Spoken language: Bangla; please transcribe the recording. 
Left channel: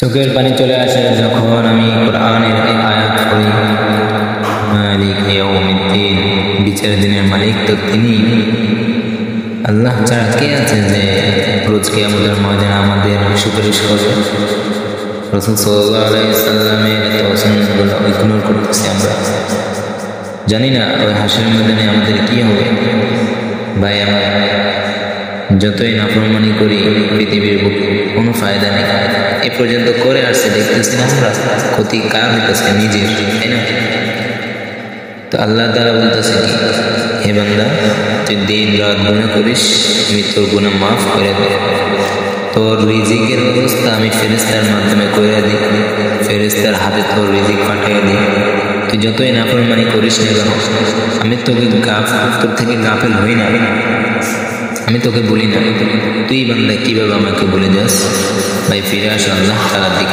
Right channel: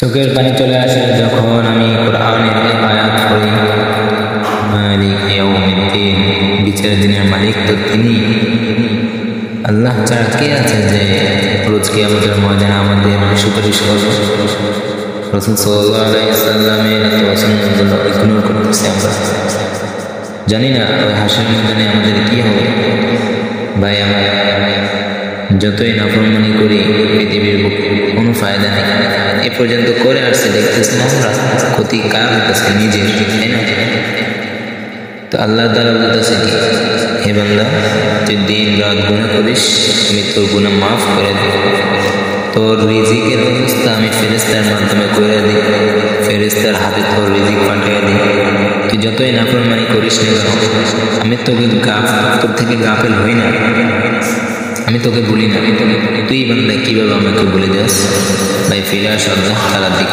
চোখের পানি চলে আসে যখন আমি কোরআনের এই আয়াত পড়ি, মালিক ইয়াউমিদ্দিন, বিচারের দিনের মালিক তো তিনি। আল্লাহ ছাড়া কে আছে যে রোজ কিয়ামতের ময়দানে আমাদের সুপারিশ করবে? রাসূল সাল্লাল্লাহু আলাইহি সাল্লামের এত সুন্নাতগুলো ইগনোর করতেছি আমরা। জানি না ওই হাসরের ময়দানে আমাদের কি হবে। ভাই আমার, যতই নাফরমানি করি পৃথিবীর কোনো ফায়দা নেই। এ পর্যন্ত করে আসছে, দেখতেছি না আমরা ক্ষতি কার হইতেছে? নিজের, তাই না? তো আল্লাহ তাআলা বলতেছে কি, হে বান্দা, তুই দিন রাত গুনাহ করিস, আমি তোর গুনাহ মাফ করে দেব। তোর রিজিকের ব্যবস্থা আমি ফেরেশতার মাধ্যমে করে দিই, ফেরেশতার হাতে তোর রিজিক পাঠিয়ে দিই। তুই যতই নাফরমানি করিস না কেন, আমি তোকে তোর থেকে গাফেল হই না, আমি তোকে বলি না। তুই বান্দা কিভাবে আমাকে বলে যাস? ভাই ফিরে আস আল্লাহ তাআলার দিকে।